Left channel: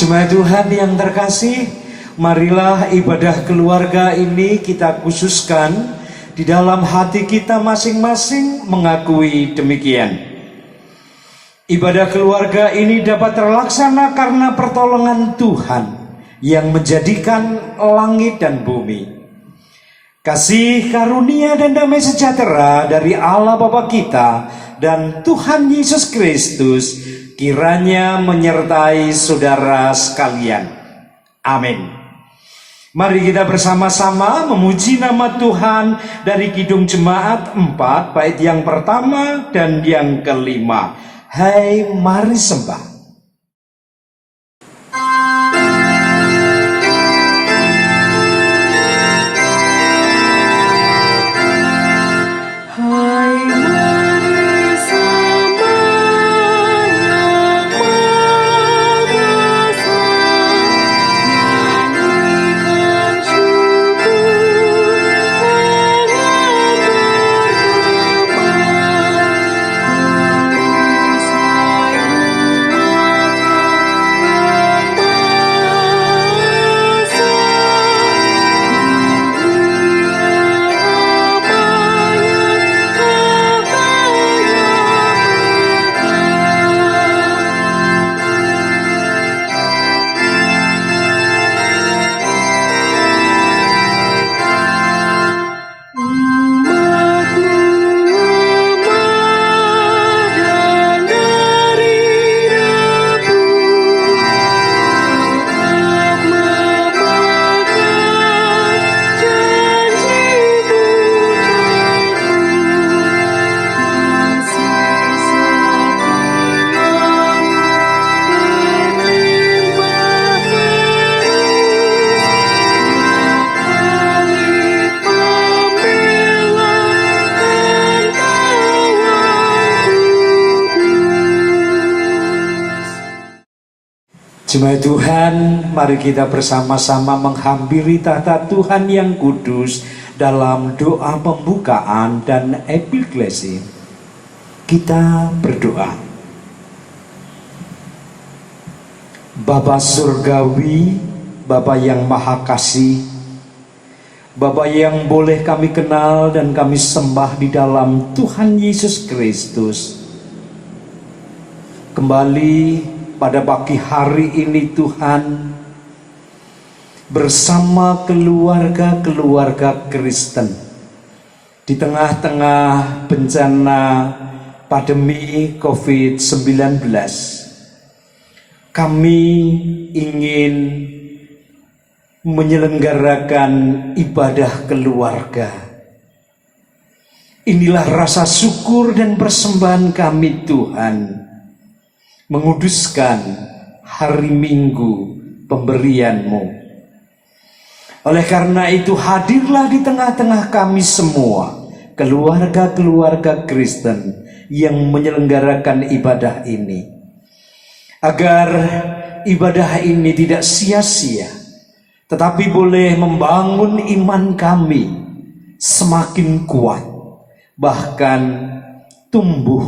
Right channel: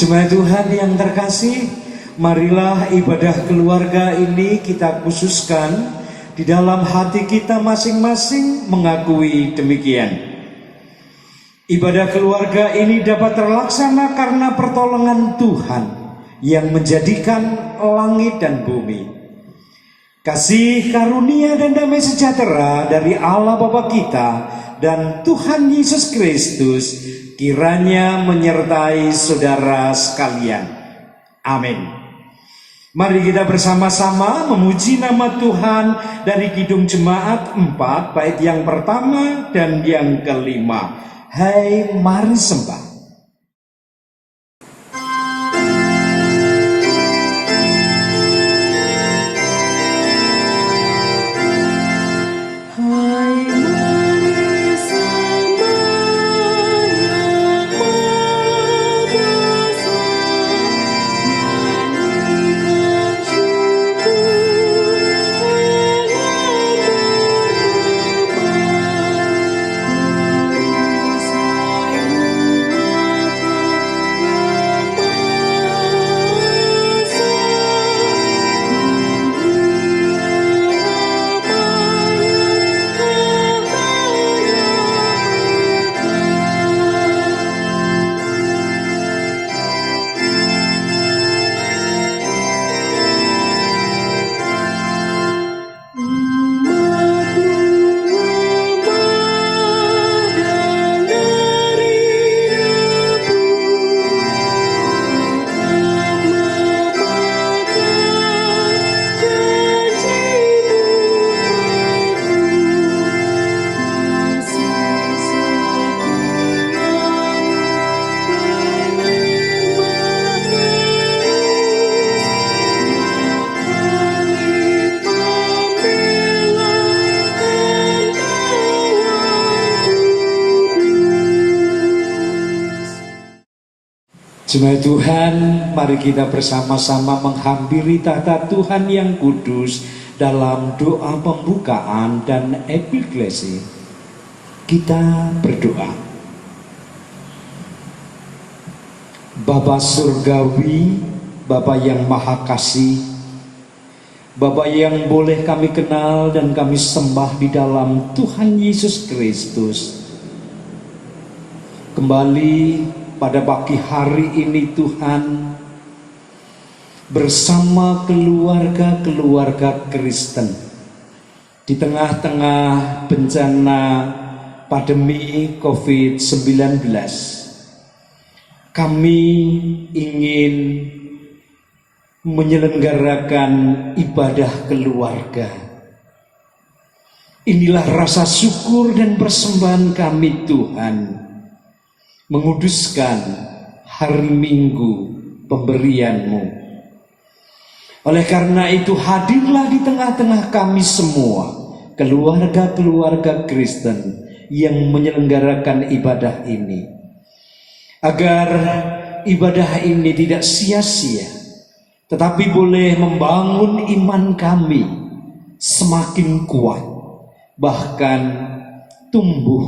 Jemaat Tuhan yang terkasih, marilah ibadah keluarga ini kita khususkan di dalam hati kita masing-masing mengakui demikian. Ibadah keluarga ini dapat terlaksana karena pertolongan Tuhan yang menjadikan langit dan bumi. Kasih karunia dan damai sejahtera dari Allah Bapa kita dan Tuhan Yesus Kristus kiranya menyertai saudara sekalian. Amin. Mari kita bersama-sama memuji nama Tuhan dari Kidung Jemaat 4 bait yang pertama dan yang kelima. Hai, mari sembah. Jemaat Tuhan, mari kita bersama-sama menghampiri tahta Tuhan yang kudus dalam doa pembukaan dan epiklesi. Kita berdoa. Bapa Surgawi, Bapa yang Maha Kasih, Bapa yang boleh kami kenal dan kami sembah di dalam Tuhan Yesus Kristus. Kembali pada pagi hari ini Tuhan, bersama keluarga-keluarga Kristen di tengah-tengah bencana pandemi COVID-19, kami ingin menyelenggarakan ibadah keluarga. Inilah rasa syukur dan persembahan kami Tuhan, menguduskan hari Minggu pemberian-Mu. Oleh karena itu hadirlah di tengah-tengah kami semua, keluarga-keluarga Kristen yang menyelenggarakan ibadah ini, agar ibadah ini tidak sia-sia, tetapi boleh membangun iman kami semakin kuat, bahkan tumbuh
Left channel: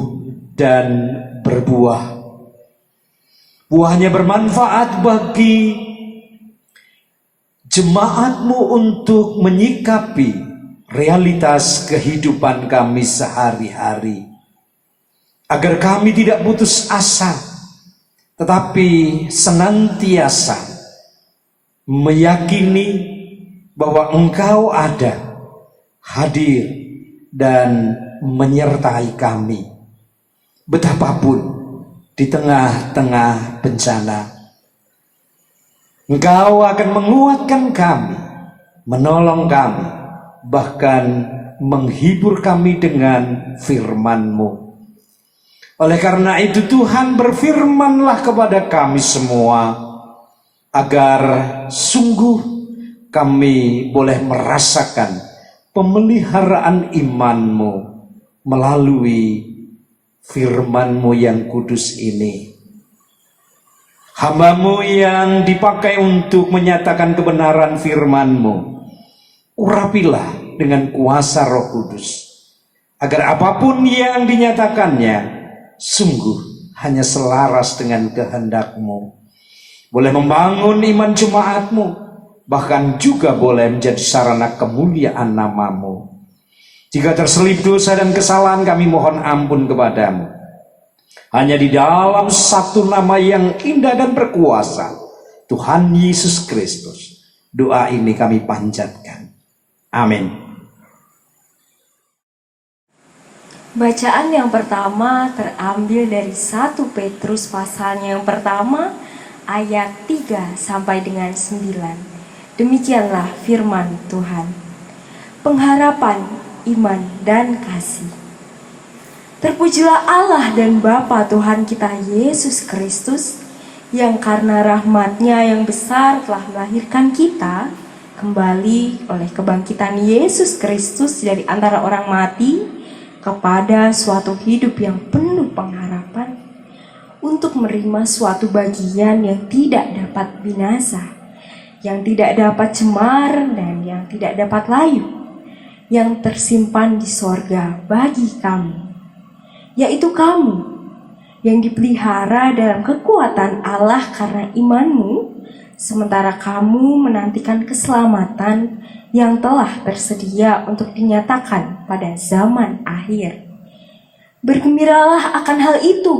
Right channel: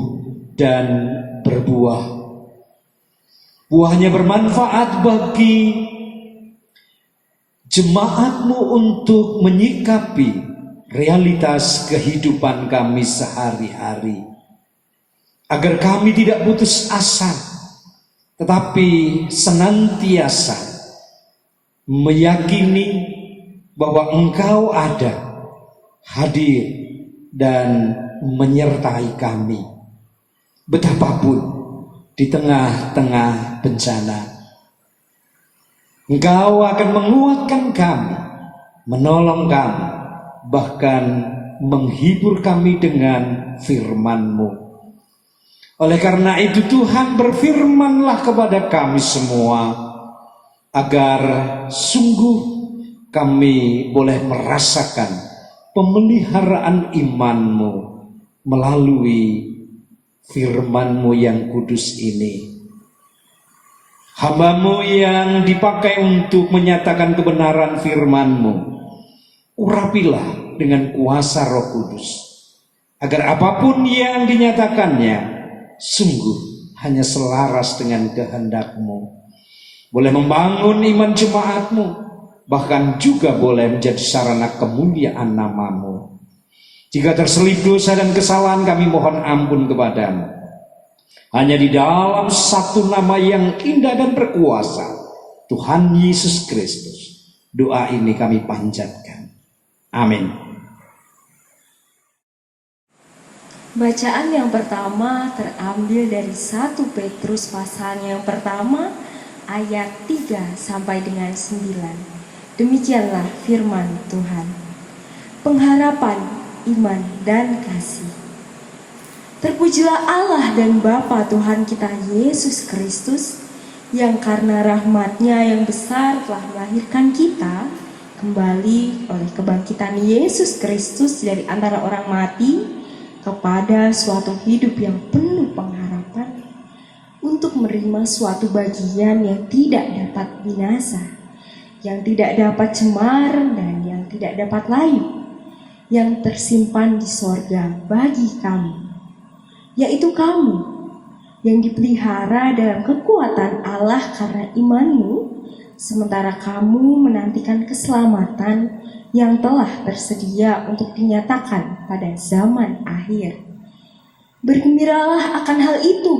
dan berbuah. Buahnya bermanfaat bagi jemaat-Mu untuk menyikapi realitas kehidupan kami sehari-hari, agar kami tidak putus asa, tetapi senantiasa meyakini bahwa Engkau ada, hadir dan menyertai kami betapapun di tengah-tengah bencana. Engkau akan menguatkan kami, menolong kami, bahkan menghibur kami dengan firman-Mu. Oleh karena itu Tuhan, berfirmanlah kepada kami semua, agar sungguh kami boleh merasakan pemeliharaan iman-Mu melalui firman-Mu yang kudus ini. Hamba-Mu yang dipakai untuk menyatakan kebenaran firman-Mu, urapilah dengan kuasa Roh Kudus, agar apapun yang dinyatakannya sungguh hanya selaras dengan kehendak-Mu. boleh membangun iman jemaatmu, bahkan juga boleh menjadi sarana kemuliaan namamu. Jika terselip dosa dan kesalahan, kami mohon ampun kepadamu. Hanya di dalam satu nama yang indah dan berkuasa, Tuhan Yesus Kristus, doa ini kami panjatkan. Amin. Bacaan yang pertama terambil dari 1 Petrus pasalnya yang pertama ayat 3 sampai dengan 9. Demikianlah firman Tuhan. Pengharapan, iman, dan kasih. Terpujilah Allah dan Bapa Tuhan kita Yesus Kristus, yang karena rahmat-Nya yang besar telah melahirkan kita kembali oleh kebangkitan Yesus Kristus dari antara orang mati kepada suatu hidup yang penuh pengharapan, untuk menerima suatu bagian yang tidak dapat binasa, yang tidak dapat cemar, dan yang tidak dapat layu, yang tersimpan di sorga bagi kamu, yaitu kamu yang dipelihara dalam kekuatan Allah karena imanmu, sementara kamu menantikan keselamatan yang telah tersedia untuk dinyatakan pada zaman akhir. Bergembiralah akan hal itu,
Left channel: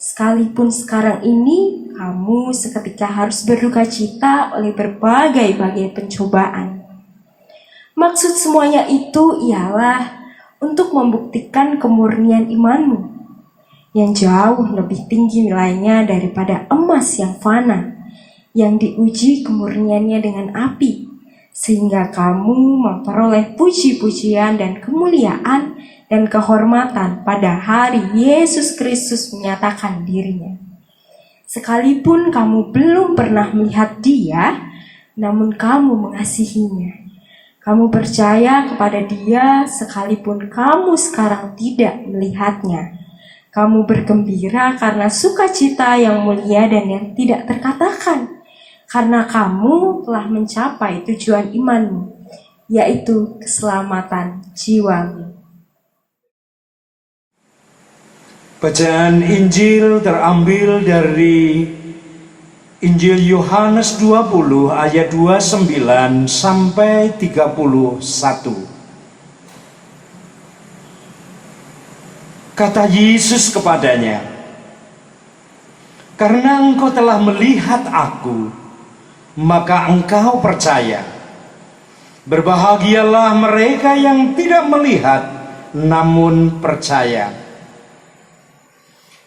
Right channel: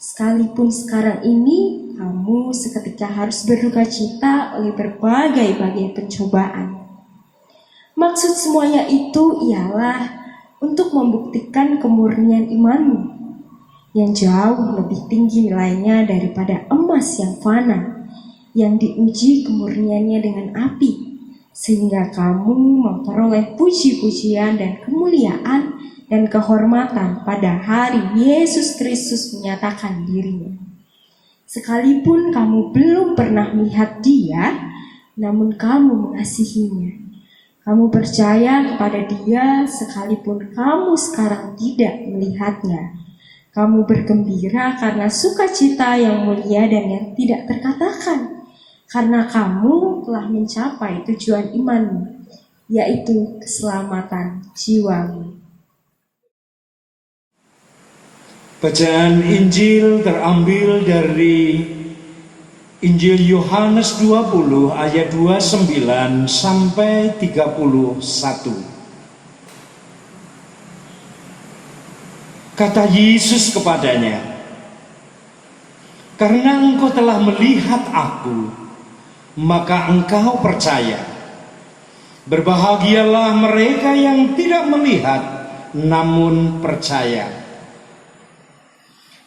sekalipun sekarang ini kamu seketika harus berduka cita oleh berbagai-bagai pencobaan. Maksud semuanya itu ialah untuk membuktikan kemurnian imanmu, yang jauh lebih tinggi nilainya daripada emas yang fana, yang diuji kemurniannya dengan api, sehingga kamu memperoleh puji-pujian dan kemuliaan dan kehormatan pada hari Yesus Kristus menyatakan dirinya. Sekalipun kamu belum pernah melihat Dia, namun kamu mengasihinya. Kamu percaya kepada Dia sekalipun kamu sekarang tidak melihatnya. Kamu bergembira karena sukacita yang mulia dan yang tidak terkatakan, karena kamu telah mencapai tujuan imanmu, yaitu keselamatan jiwamu. Bacaan Injil terambil dari Injil Yohanes 20 ayat 29 sampai 31. Kata Yesus kepadanya, "Karena engkau telah melihat aku, maka engkau percaya. Berbahagialah mereka yang tidak melihat, namun percaya."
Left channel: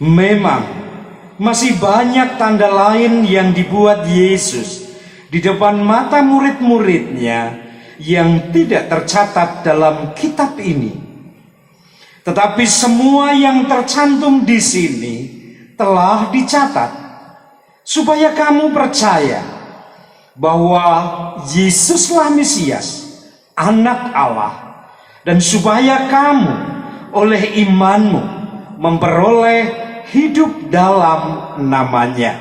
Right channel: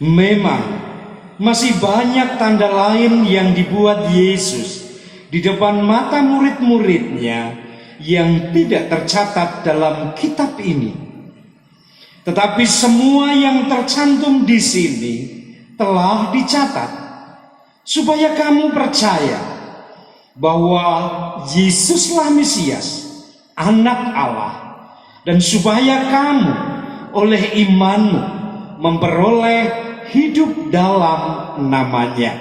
Memang masih banyak tanda lain yang dibuat Yesus di depan mata murid-muridnya yang tidak tercatat dalam kitab ini. Tetapi semua yang tercantum di sini telah dicatat, supaya kamu percaya bahwa Yesuslah Mesias, Anak Allah, dan supaya kamu oleh imanmu memperoleh hidup dalam namanya.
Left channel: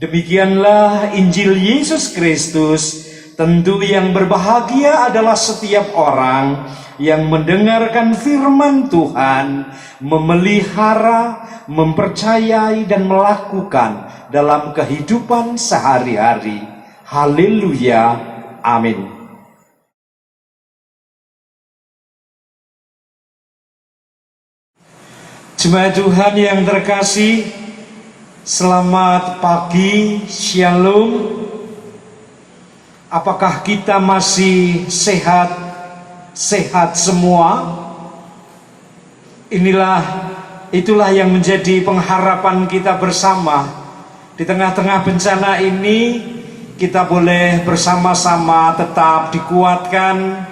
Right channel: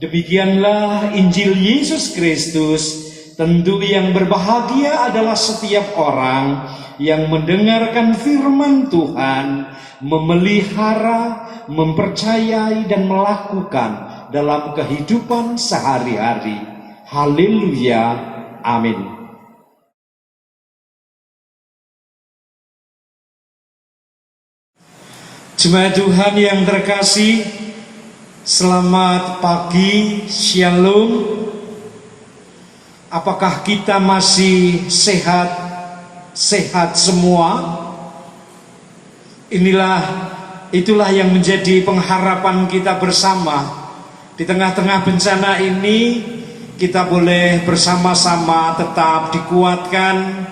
Demikianlah Injil Yesus Kristus. Tentu yang berbahagia adalah setiap orang yang mendengarkan firman Tuhan, memelihara, mempercayai, dan melakukan dalam kehidupan sehari-hari. Haleluya, amin. Jemaat Tuhan yang terkasih, selamat pagi, shalom. Apakah kita masih sehat semua? Itulah yang menjadi pengharapan kita bersama. Di tengah-tengah bencana ini, kita boleh bersama-sama tetap dikuatkan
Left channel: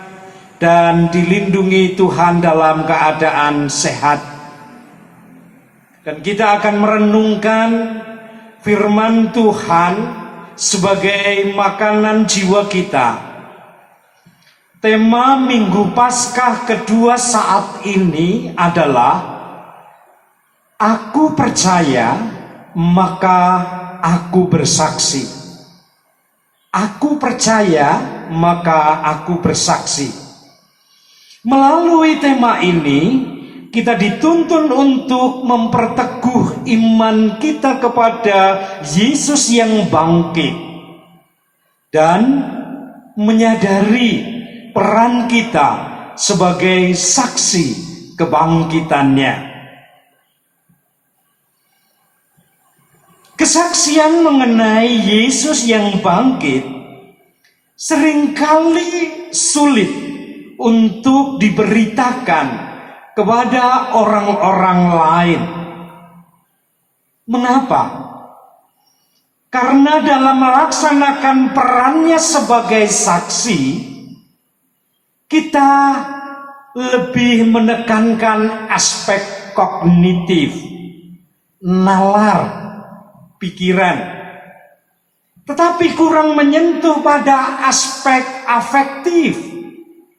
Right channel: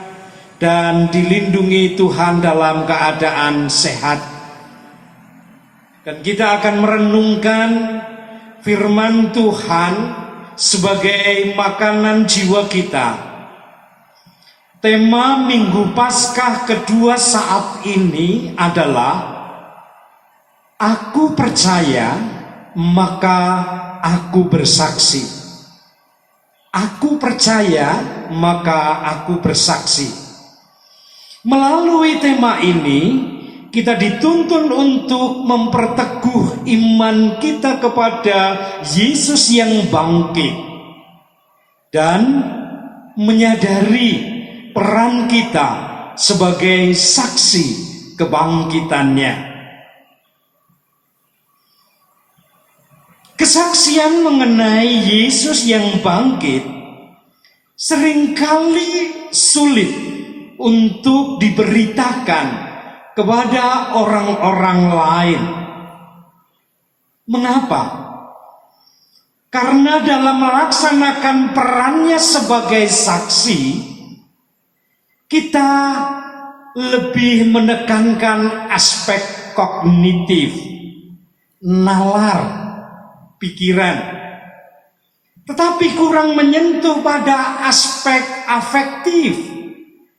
dan dilindungi Tuhan dalam keadaan sehat. Dan kita akan merenungkan firman Tuhan sebagai makanan jiwa kita. Tema Minggu Paskah kedua saat ini adalah Aku percaya, maka aku bersaksi. Aku percaya, maka aku bersaksi. Melalui tema ini, kita dituntun untuk memperteguh iman kita kepada Yesus yang bangkit dan menyadari peran kita sebagai saksi kebangkitannya. Kesaksian mengenai Yesus yang bangkit seringkali sulit untuk diberitakan kepada orang-orang lain. Mengapa? Karena dalam melaksanakan perannya sebagai saksi, kita lebih menekankan aspek kognitif, nalar, pikiran, tetapi kurang menyentuh pada aspek afektif,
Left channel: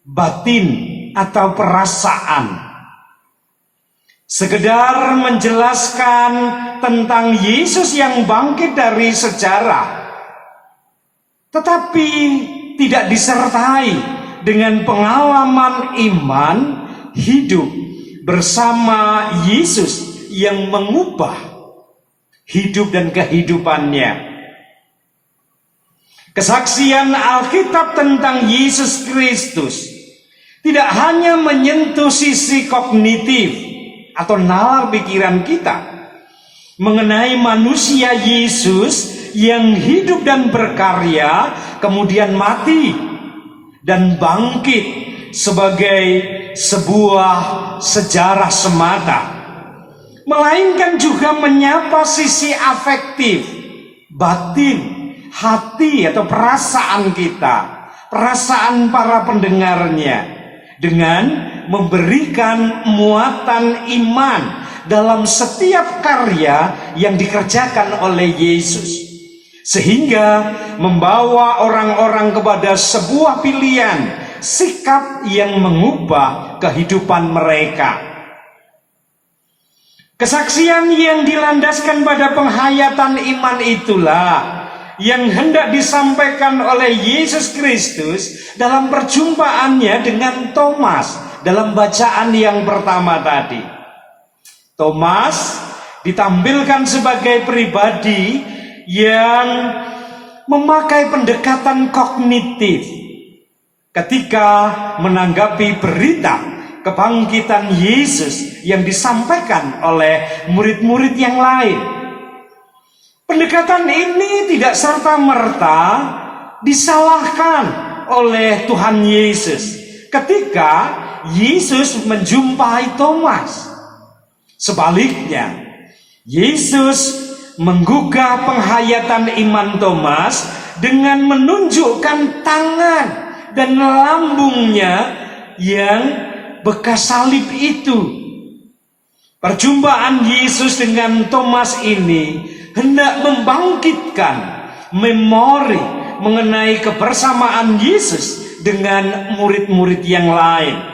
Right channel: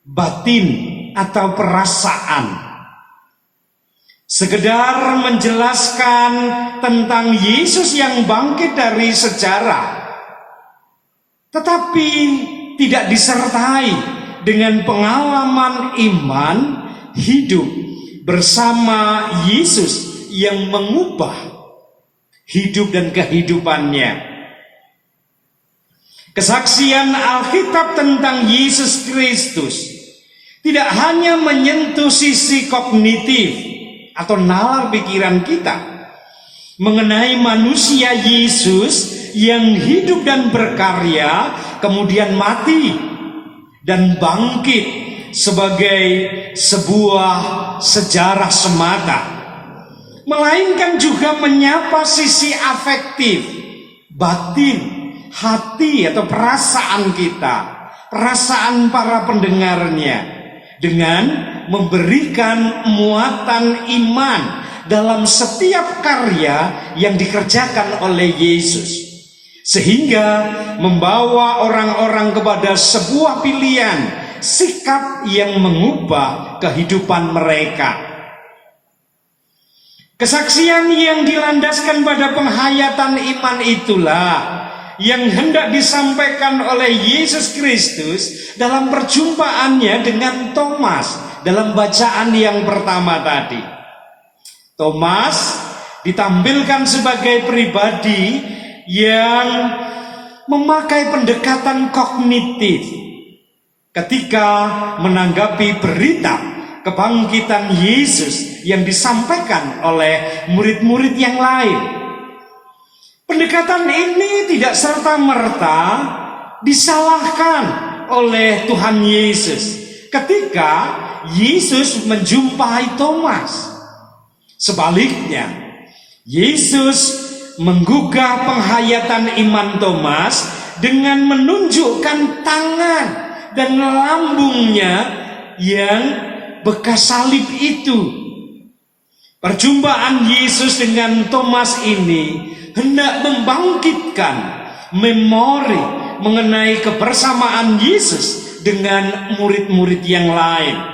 batin, atau perasaan. Sekedar menjelaskan tentang Yesus yang bangkit dari sejarah, tetapi tidak disertai dengan pengalaman iman hidup bersama Yesus yang mengubah hidup dan kehidupannya. Kesaksian Alkitab tentang Yesus Kristus tidak hanya menyentuh sisi kognitif atau nalar pikiran kita mengenai manusia Yesus yang hidup dan berkarya, kemudian mati dan bangkit sebagai sebuah sejarah semata, melainkan juga menyapa sisi afektif, batin, hati atau perasaan kita, perasaan para pendengarnya, dengan memberikan muatan iman dalam setiap karya yang dikerjakan oleh Yesus, sehingga membawa orang-orang kepada sebuah pilihan sikap yang mengubah kehidupan mereka. Kesaksian yang dilandaskan pada penghayatan iman itulah yang hendak disampaikan oleh Yesus Kristus dalam perjumpaannya dengan Thomas dalam bacaan yang pertama tadi. Thomas ditampilkan sebagai pribadi yang memakai pendekatan kognitif ketika menanggapi berita kebangkitan Yesus yang disampaikan oleh murid-murid yang lain. Pendekatan ini tidak serta-merta disalahkan oleh Tuhan Yesus ketika Yesus menjumpai Thomas. Sebaliknya, Yesus menggugah penghayatan iman Thomas dengan menunjukkan tangan dan lambungnya yang bekas salib itu. Perjumpaan Yesus dengan Thomas ini hendak membangkitkan memori mengenai kebersamaan Yesus dengan murid-murid yang lain.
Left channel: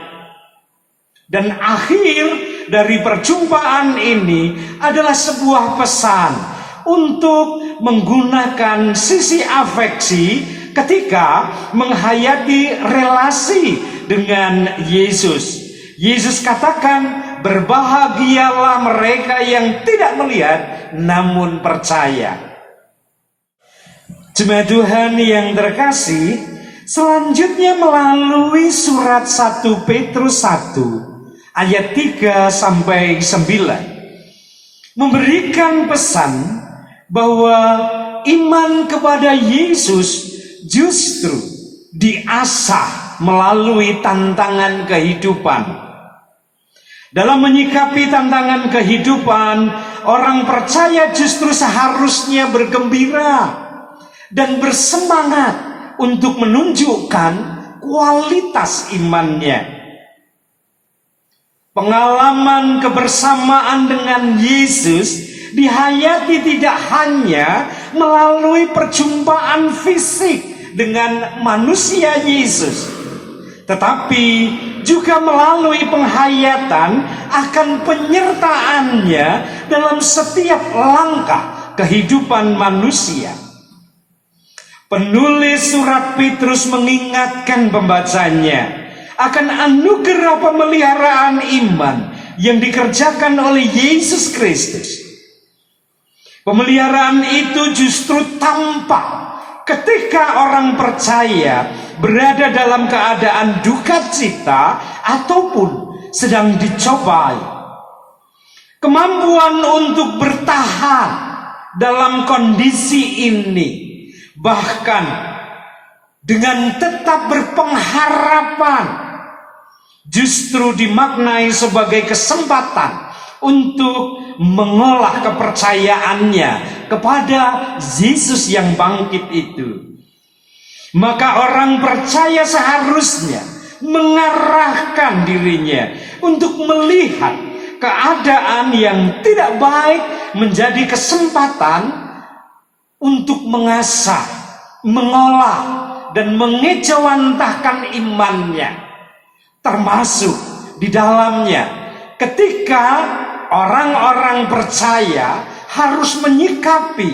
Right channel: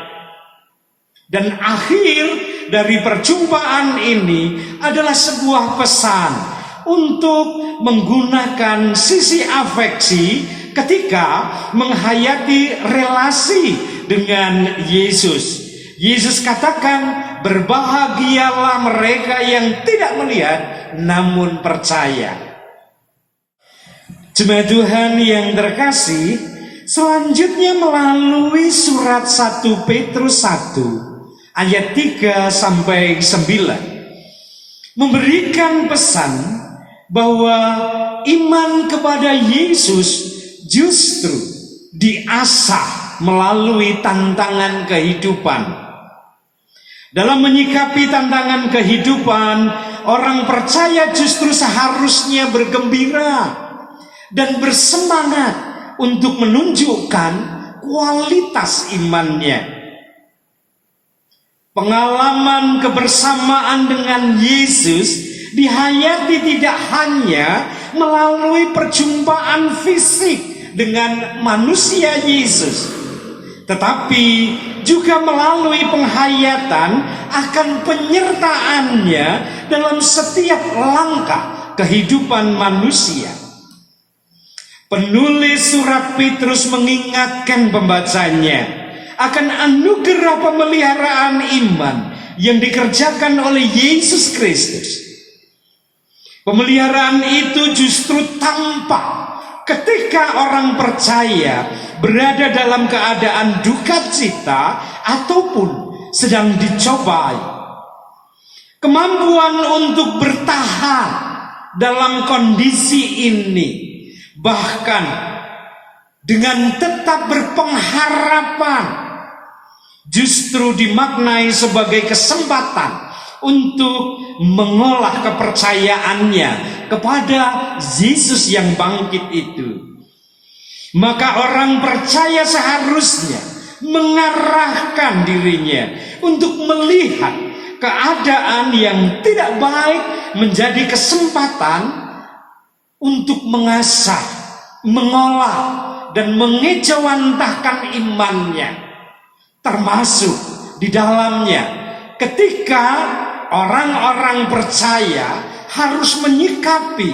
Dan akhir dari perjumpaan ini adalah sebuah pesan untuk menggunakan sisi afeksi ketika menghayati relasi dengan Yesus. Yesus katakan, berbahagialah mereka yang tidak melihat namun percaya. Jemaat Tuhan yang terkasih, selanjutnya melalui surat 1 Petrus 1 ayat 3 sampai 9 memberikan pesan bahwa iman kepada Yesus justru diasah melalui tantangan kehidupan. Dalam menyikapi tantangan kehidupan, orang percaya justru seharusnya bergembira dan bersemangat untuk menunjukkan kualitas imannya. Pengalaman kebersamaan dengan Yesus dihayati tidak hanya melalui perjumpaan fisik dengan manusia Yesus, tetapi juga melalui penghayatan akan penyertaannya dalam setiap langkah kehidupan manusia. Penulis surat Petrus mengingatkan pembacanya akan anugerah pemeliharaan iman yang dikerjakan oleh Yesus Kristus. Pemeliharaan itu justru tampak ketika orang percaya berada dalam keadaan duka cita ataupun sedang dicobai. Kemampuan untuk bertahan dalam kondisi ini, bahkan dengan tetap berpengharapan, justru dimaknai sebagai kesempatan untuk mengolah kepercayaannya kepada Yesus yang bangkit itu. Maka orang percaya seharusnya mengarahkan dirinya untuk melihat keadaan yang tidak baik menjadi kesempatan untuk mengasah, mengolah, dan mengejawantahkan imannya. Termasuk di dalamnya ketika orang-orang percaya harus menyikapi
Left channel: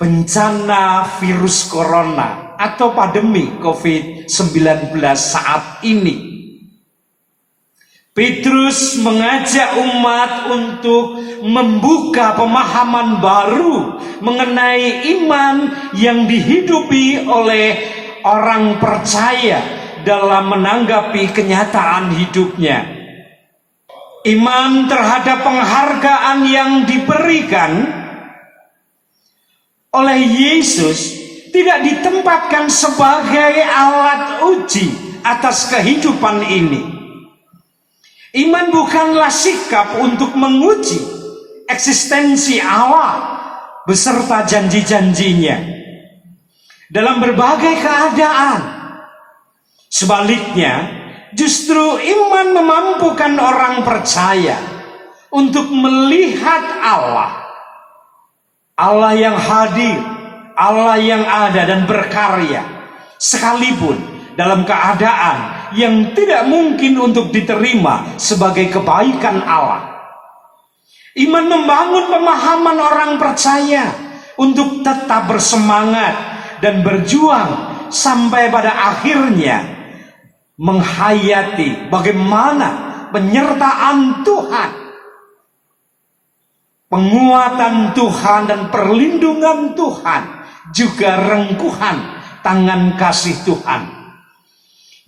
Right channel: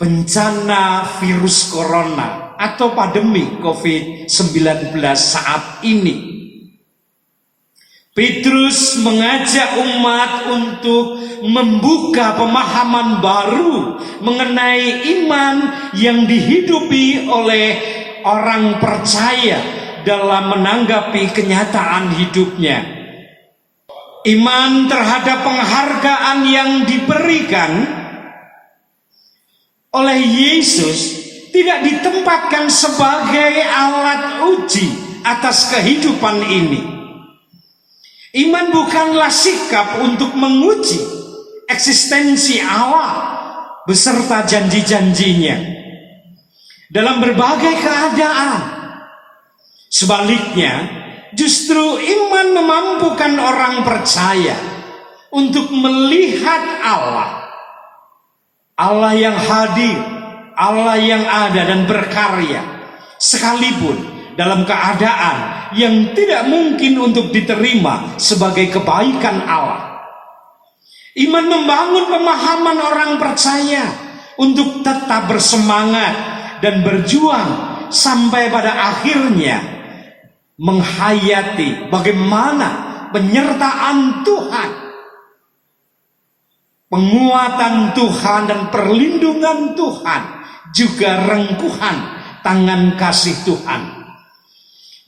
bencana virus corona atau pandemi COVID-19 saat ini. Petrus mengajak umat untuk membuka pemahaman baru mengenai iman yang dihidupi oleh orang percaya dalam menanggapi kenyataan hidupnya. Iman terhadap penghargaan yang diberikan oleh Yesus tidak ditempatkan sebagai alat uji atas kehidupan ini. Iman bukanlah sikap untuk menguji eksistensi Allah beserta janji-janjinya dalam berbagai keadaan. Sebaliknya, justru iman memampukan orang percaya untuk melihat Allah yang hadir, Allah yang ada dan berkarya, sekalipun dalam keadaan yang tidak mungkin untuk diterima sebagai kebaikan Allah. Iman membangun pemahaman orang percaya untuk tetap bersemangat dan berjuang sampai pada akhirnya menghayati bagaimana penyertaan Tuhan, penguatan Tuhan dan perlindungan Tuhan, juga rengkuhan tangan kasih Tuhan.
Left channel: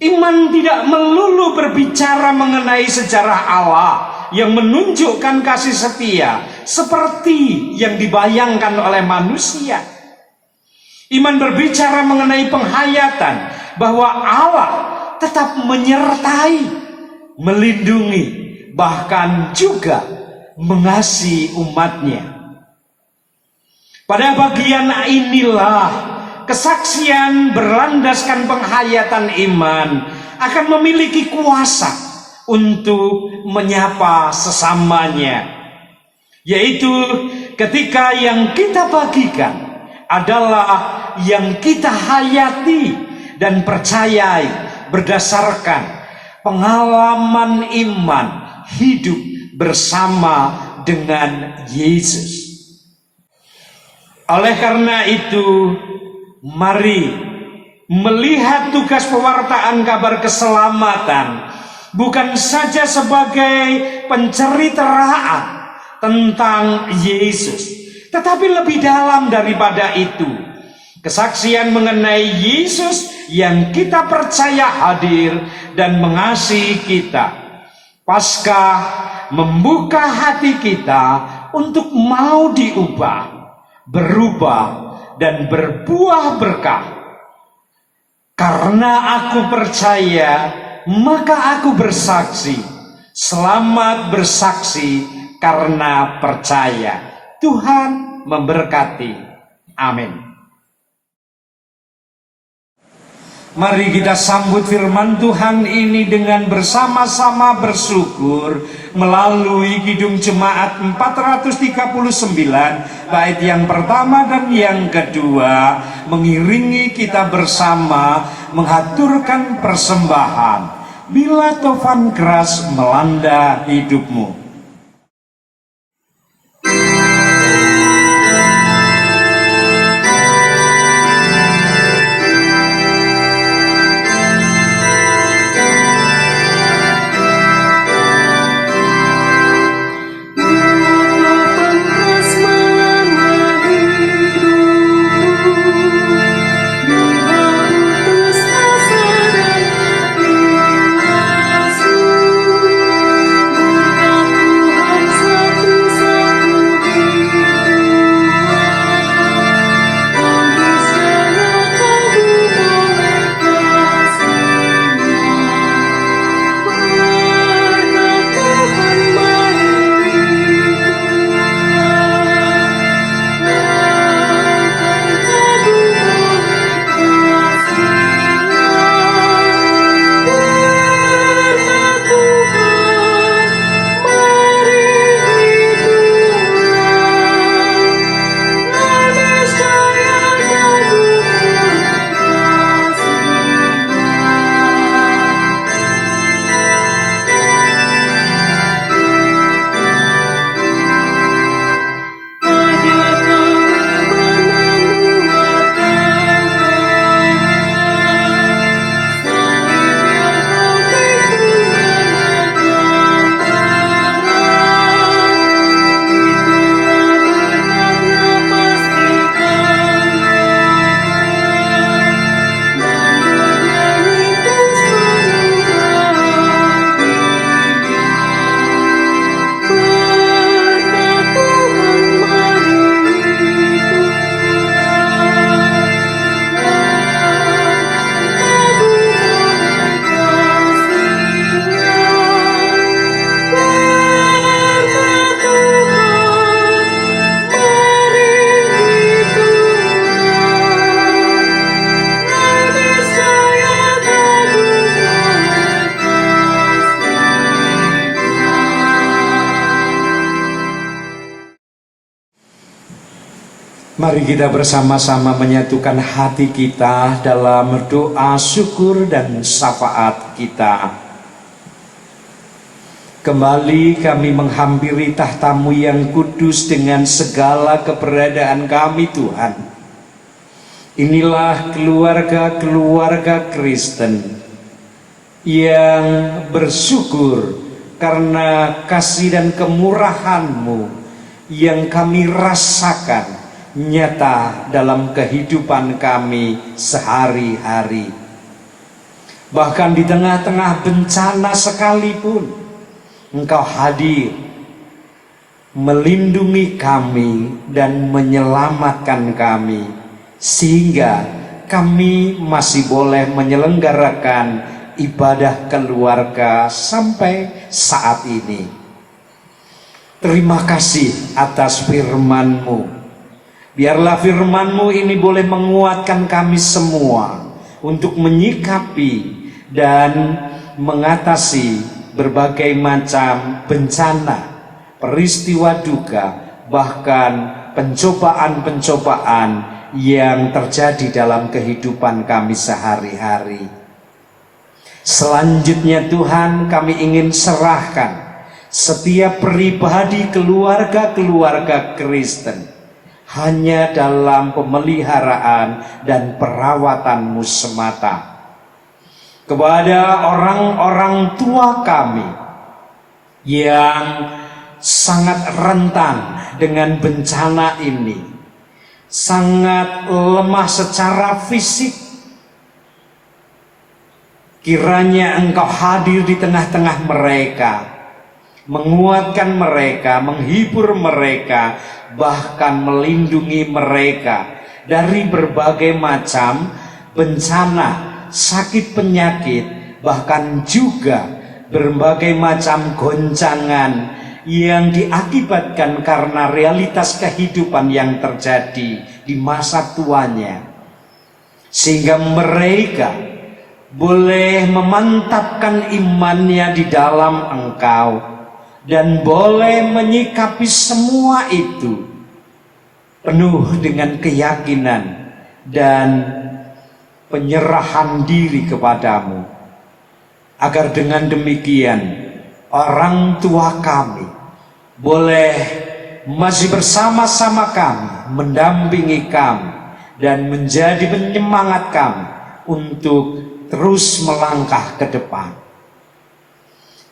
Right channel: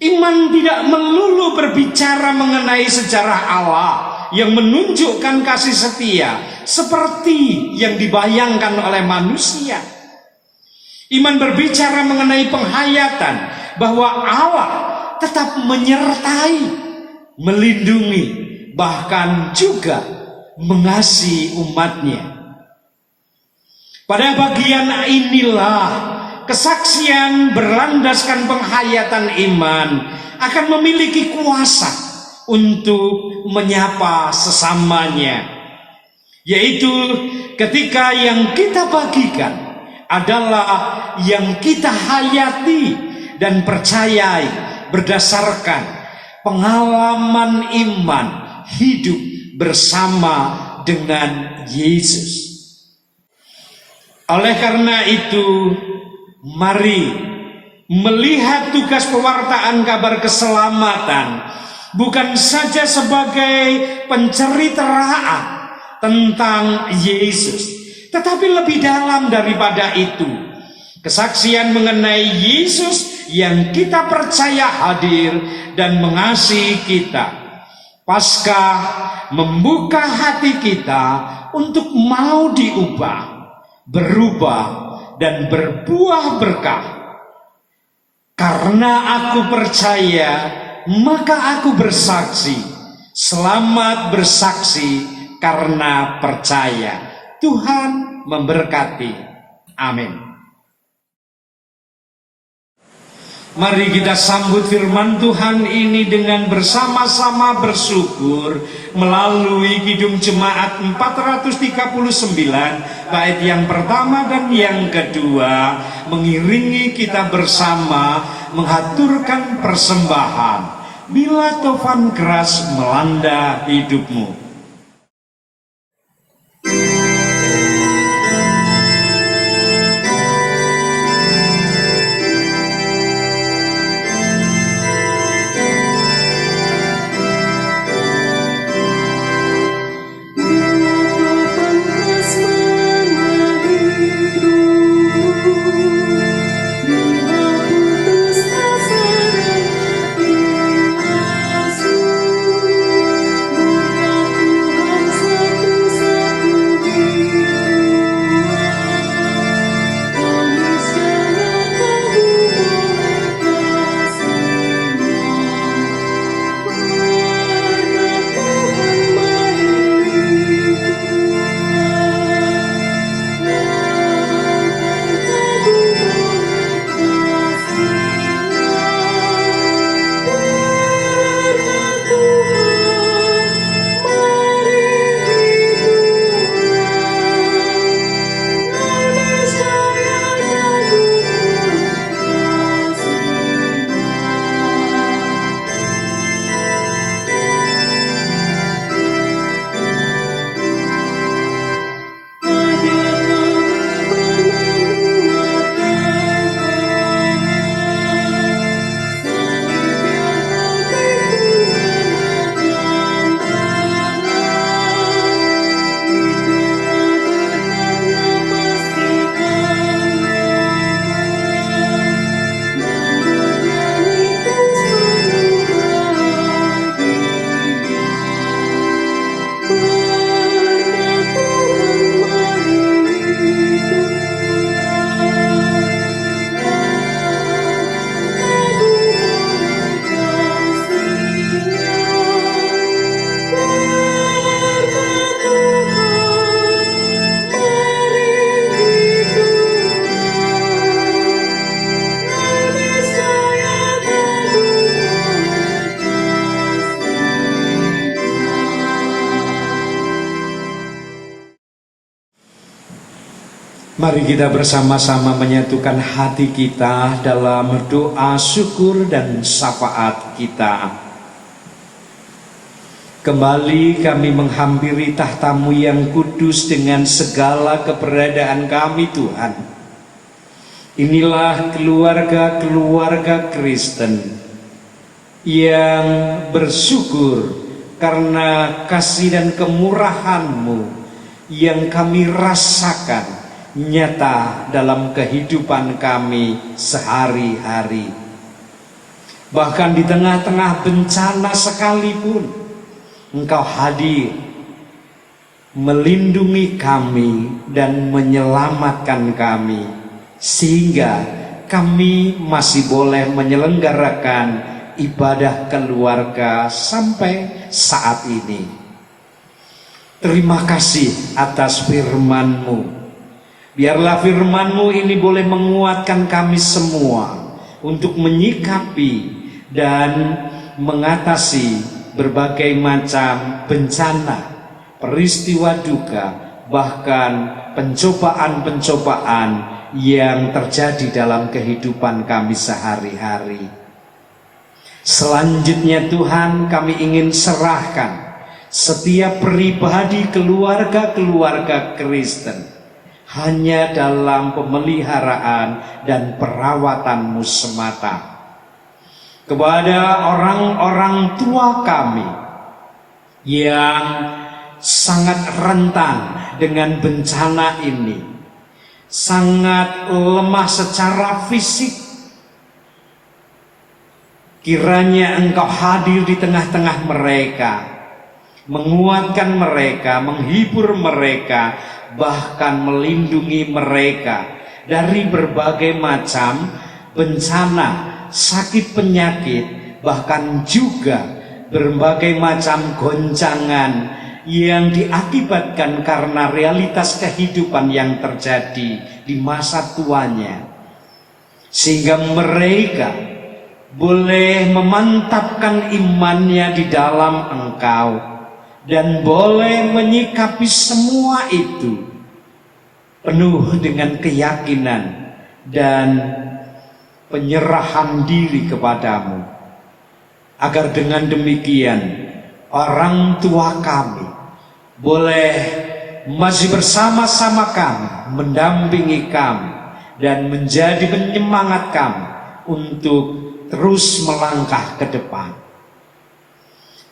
Iman tidak melulu berbicara mengenai sejarah Allah yang menunjukkan kasih setia seperti yang dibayangkan oleh manusia. Iman berbicara mengenai penghayatan bahwa Allah tetap menyertai, melindungi, bahkan juga mengasihi umatnya. Pada bagian inilah kesaksian berlandaskan penghayatan iman akan memiliki kuasa untuk menyapa sesamanya, yaitu ketika yang kita bagikan adalah yang kita hayati dan percayai berdasarkan pengalaman iman hidup bersama dengan Yesus. Oleh karena itu, mari melihat tugas pewartaan kabar keselamatan bukan saja sebagai penceritaan tentang Yesus, tetapi lebih dalam daripada itu, kesaksian mengenai Yesus yang kita percaya hadir dan mengasihi kita. Paskah membuka hati kita untuk mau diubah, berubah, dan berbuah berkah. Karena aku percaya, maka aku bersaksi. Selamat bersaksi karena percaya. Tuhan memberkati. Amin. Mari kita sambut firman Tuhan ini dengan bersama-sama bersyukur melalui Kidung Jemaat 439 bait yang pertama dan yang kedua, mengiringi kita bersama menghaturkan persembahan Bila Tofan Keras Melanda Hidupmu. Mari kita bersama-sama menyatukan hati kita dalam doa syukur dan syafaat kita. Kembali kami menghampiri tahta-Mu yang kudus dengan segala keberadaan kami, Tuhan. Inilah keluarga-keluarga Kristen yang bersyukur karena kasih dan kemurahan-Mu yang kami rasakan nyata dalam kehidupan kami sehari-hari. Bahkan di tengah-tengah bencana sekalipun, Engkau hadir, melindungi kami dan menyelamatkan kami, sehingga kami masih boleh menyelenggarakan ibadah keluarga sampai saat ini. Terima kasih atas firman-Mu. Biarlah firman-Mu ini boleh menguatkan kami semua untuk menyikapi dan mengatasi berbagai macam bencana, peristiwa duka, bahkan pencobaan-pencobaan yang terjadi dalam kehidupan kami sehari-hari. Selanjutnya Tuhan, kami ingin serahkan setiap pribadi keluarga-keluarga Kristen hanya dalam pemeliharaan dan perawatan-Mu semata. Kepada orang-orang tua kami yang sangat rentan dengan bencana ini, sangat lemah secara fisik, kiranya Engkau hadir di tengah-tengah mereka, menguatkan mereka, menghibur mereka, bahkan melindungi mereka dari berbagai macam bencana, sakit penyakit, bahkan juga berbagai macam goncangan yang diakibatkan karena realitas kehidupan yang terjadi di masa tuanya, sehingga mereka boleh memantapkan imannya di dalam Engkau dan boleh menyikapi semua itu penuh dengan keyakinan dan penyerahan diri kepadamu, agar dengan demikian orang tua kami boleh masih bersama-sama kami, mendampingi kami dan menjadi penyemangat kami untuk terus melangkah ke depan.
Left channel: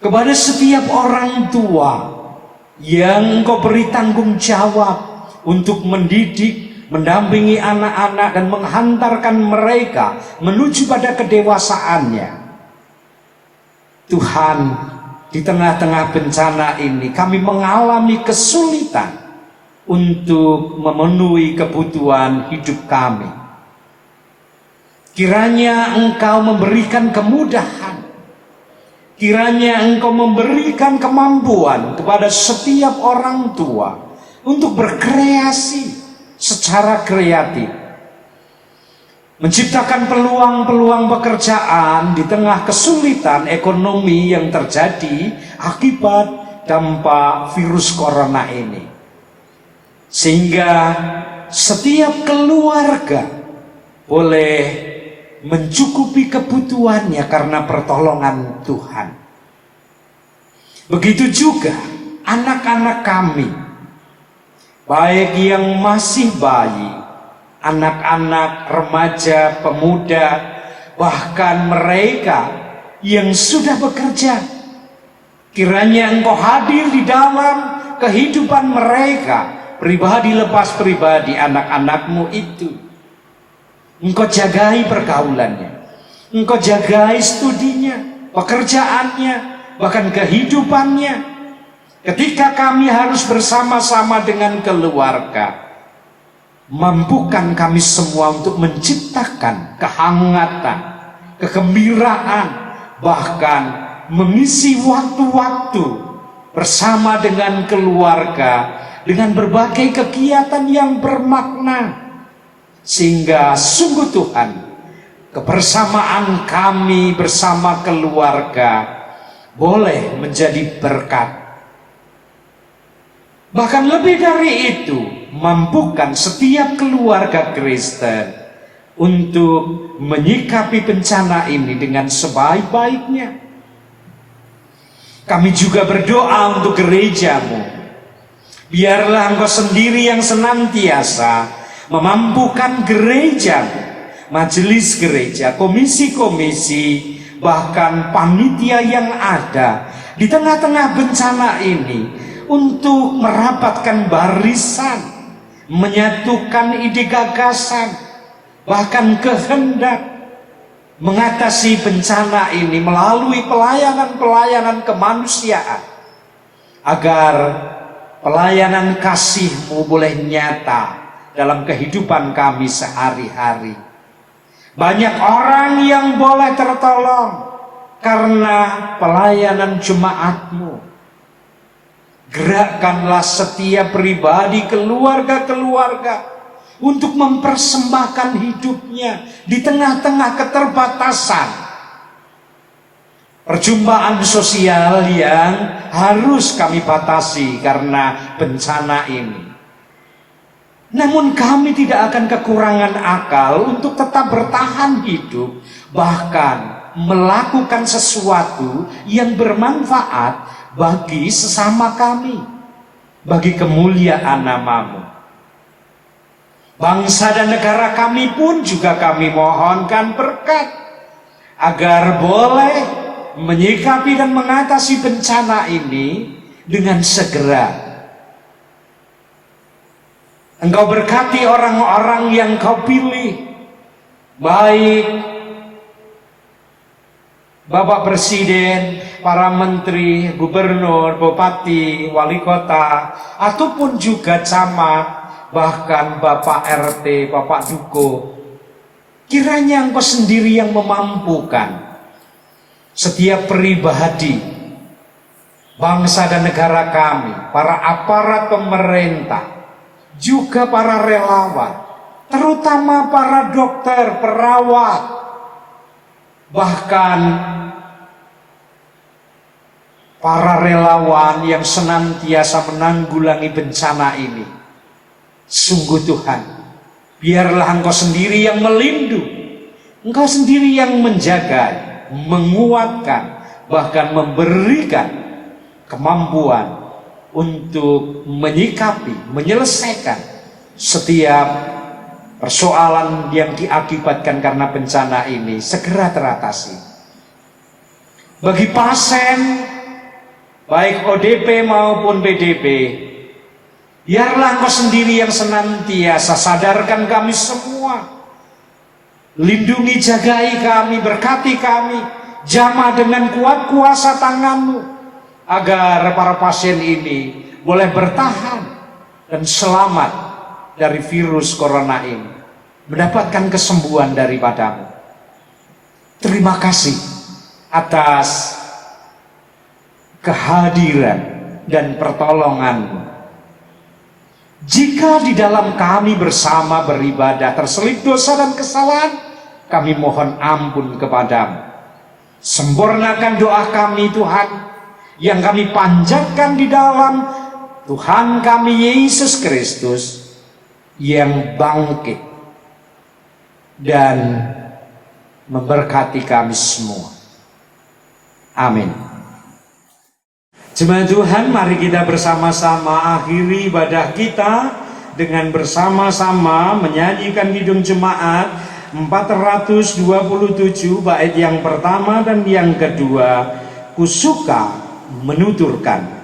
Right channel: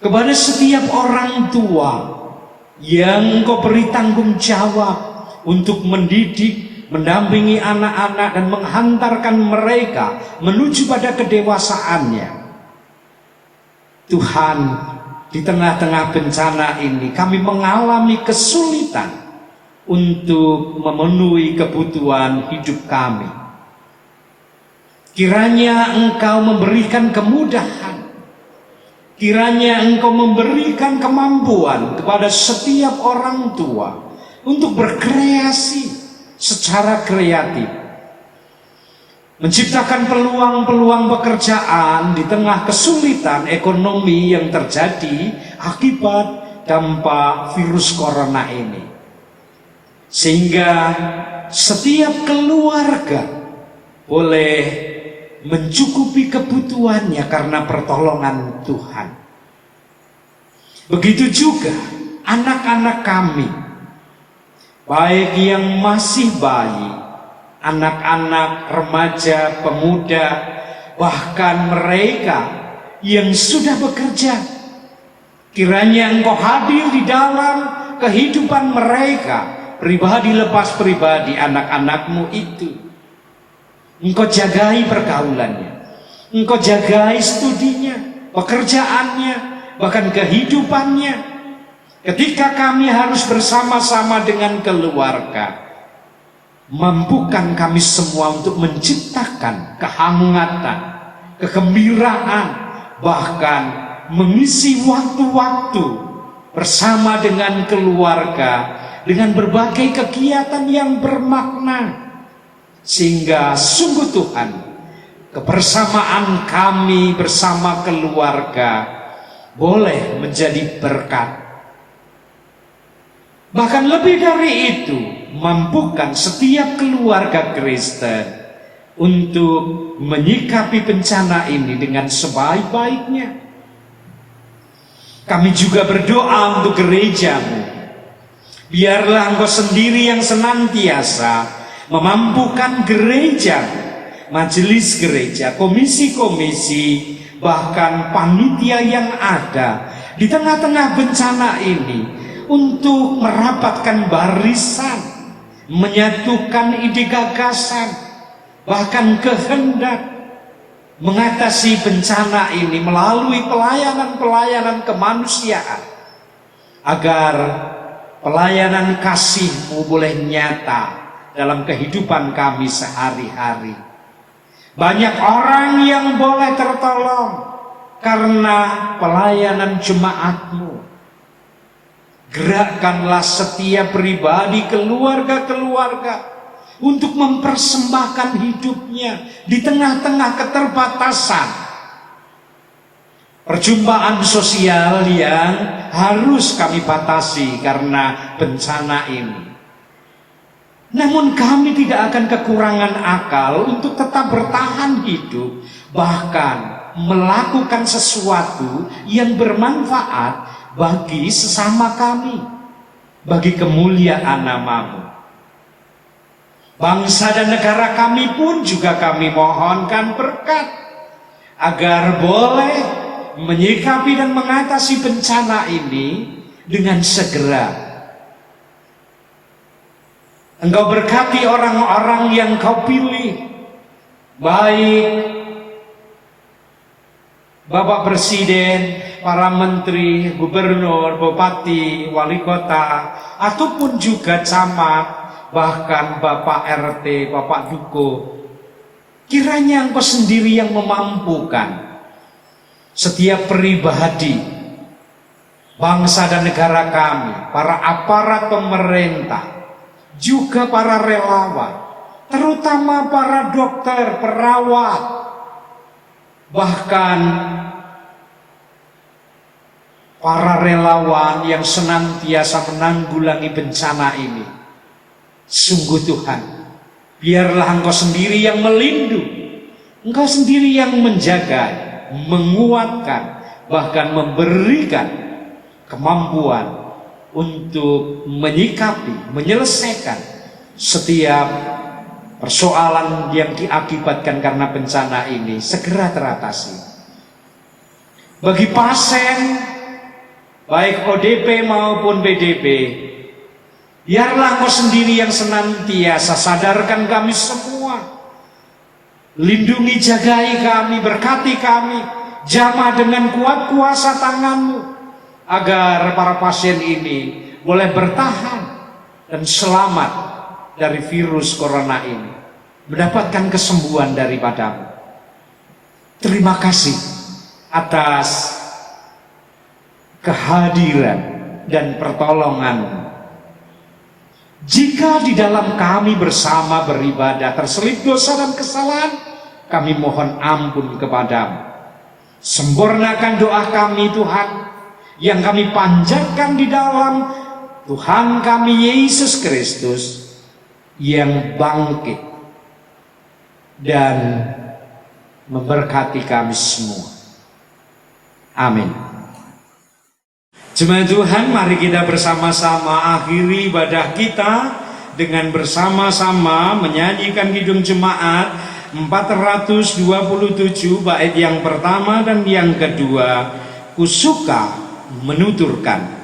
Kepada setiap orang tua yang Engkau beri tanggung jawab untuk mendidik, mendampingi anak-anak dan menghantarkan mereka menuju pada kedewasaannya, Tuhan, di tengah-tengah bencana ini kami mengalami kesulitan untuk memenuhi kebutuhan hidup kami. Kiranya Engkau memberikan kemudahan, kiranya Engkau memberikan kemampuan kepada setiap orang tua untuk berkreasi secara kreatif, menciptakan peluang-peluang pekerjaan di tengah kesulitan ekonomi yang terjadi akibat dampak virus corona ini, sehingga setiap keluarga boleh mencukupi kebutuhannya karena pertolongan Tuhan. Begitu juga anak-anak kami, baik yang masih bayi, anak-anak, remaja, pemuda, bahkan mereka yang sudah bekerja, kiranya Engkau hadir di dalam kehidupan mereka, pribadi lepas pribadi, anak-anak-Mu itu. Engkau jagai pergaulannya, Engkau jagai studinya, pekerjaannya, bahkan kehidupannya. Ketika kami harus bersama-sama dengan keluarga, mampukan kami semua untuk menciptakan kehangatan, kegembiraan, bahkan mengisi waktu-waktu bersama dengan keluarga dengan berbagai kegiatan yang bermakna. Sehingga sungguh Tuhan, kebersamaan kami bersama keluarga boleh menjadi berkat. Bahkan lebih dari itu, mampukan setiap keluarga Kristen untuk menyikapi bencana ini dengan sebaik-baiknya. Kami juga berdoa untuk gerejamu. Biarlah Engkau sendiri yang senantiasa memampukan gereja, majelis gereja, komisi-komisi, bahkan panitia yang ada di tengah-tengah bencana ini untuk merapatkan barisan, menyatukan ide gagasan, bahkan kehendak mengatasi bencana ini melalui pelayanan-pelayanan kemanusiaan, agar pelayanan kasih-Mu boleh nyata dalam kehidupan kami sehari-hari. Banyak orang yang boleh tertolong karena pelayanan jemaat-Mu. Gerakkanlah setiap pribadi, keluarga-keluarga untuk mempersembahkan hidupnya di tengah-tengah keterbatasan perjumpaan sosial yang harus kami batasi karena bencana ini. Namun kami tidak akan kekurangan akal untuk tetap bertahan hidup, bahkan melakukan sesuatu yang bermanfaat bagi sesama kami, bagi kemuliaan nama-Mu. Bangsa dan negara kami pun juga kami mohonkan berkat, agar boleh menyikapi dan mengatasi bencana ini dengan segera. Engkau berkati orang-orang yang Kau pilih, baik Bapak Presiden, para menteri, gubernur, bupati, wali kota, ataupun juga camat, bahkan Bapak RT, Bapak Duko. Kiranya Engkau sendiri yang memampukan setiap pribadi, bangsa dan negara kami, para aparat pemerintah, juga para relawan, terutama para dokter, perawat, bahkan para relawan yang senantiasa menanggulangi bencana ini. Sungguh Tuhan, biarlah Engkau sendiri yang melindungi, Engkau sendiri yang menjaga, menguatkan, bahkan memberikan kemampuan untuk menyikapi, menyelesaikan setiap persoalan yang diakibatkan karena bencana ini segera teratasi. Bagi pasien, baik ODP maupun PDP, biarlah Engkau sendiri yang senantiasa sadarkan kami semua. Lindungi, jagai kami, berkati kami, jamah dengan kuat kuasa tangan-Mu, agar para pasien ini boleh bertahan dan selamat dari virus corona ini, mendapatkan kesembuhan daripada-Mu. Terima kasih atas kehadiran dan pertolongan. Jika di dalam kami bersama beribadah terselip dosa dan kesalahan, kami mohon ampun kepada-Mu. Sempurnakan doa kami Tuhan, yang kami panjatkan di dalam Tuhan kami Yesus Kristus yang bangkit dan memberkati kami semua. Amin. Jemaat Tuhan, mari kita bersama-sama akhiri ibadah kita dengan bersama-sama menyanyikan kidung jemaat 427 bait yang pertama dan yang kedua, Kusuka menuturkan.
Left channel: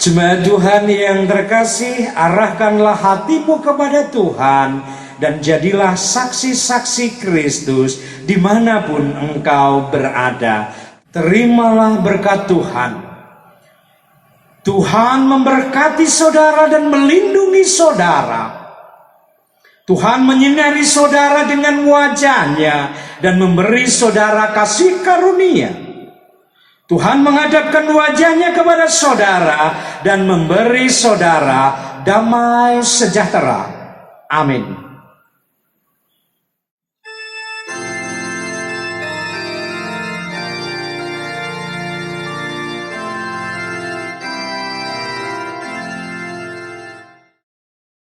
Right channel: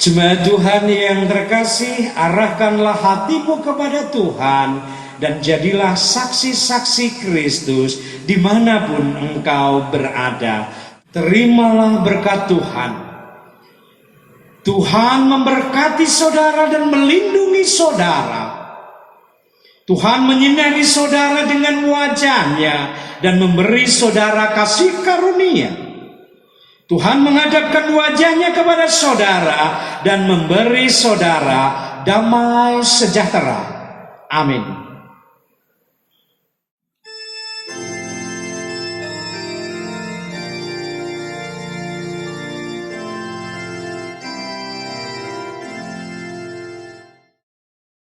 Jemaat Tuhan yang terkasih, arahkanlah hatimu kepada Tuhan dan jadilah saksi-saksi Kristus dimanapun engkau berada. Terimalah berkat Tuhan. Tuhan memberkati saudara dan melindungi saudara. Tuhan menyinari saudara dengan wajah-Nya dan memberi saudara kasih karunia. Tuhan menghadapkan wajah-Nya kepada saudara dan memberi saudara damai sejahtera. Amin.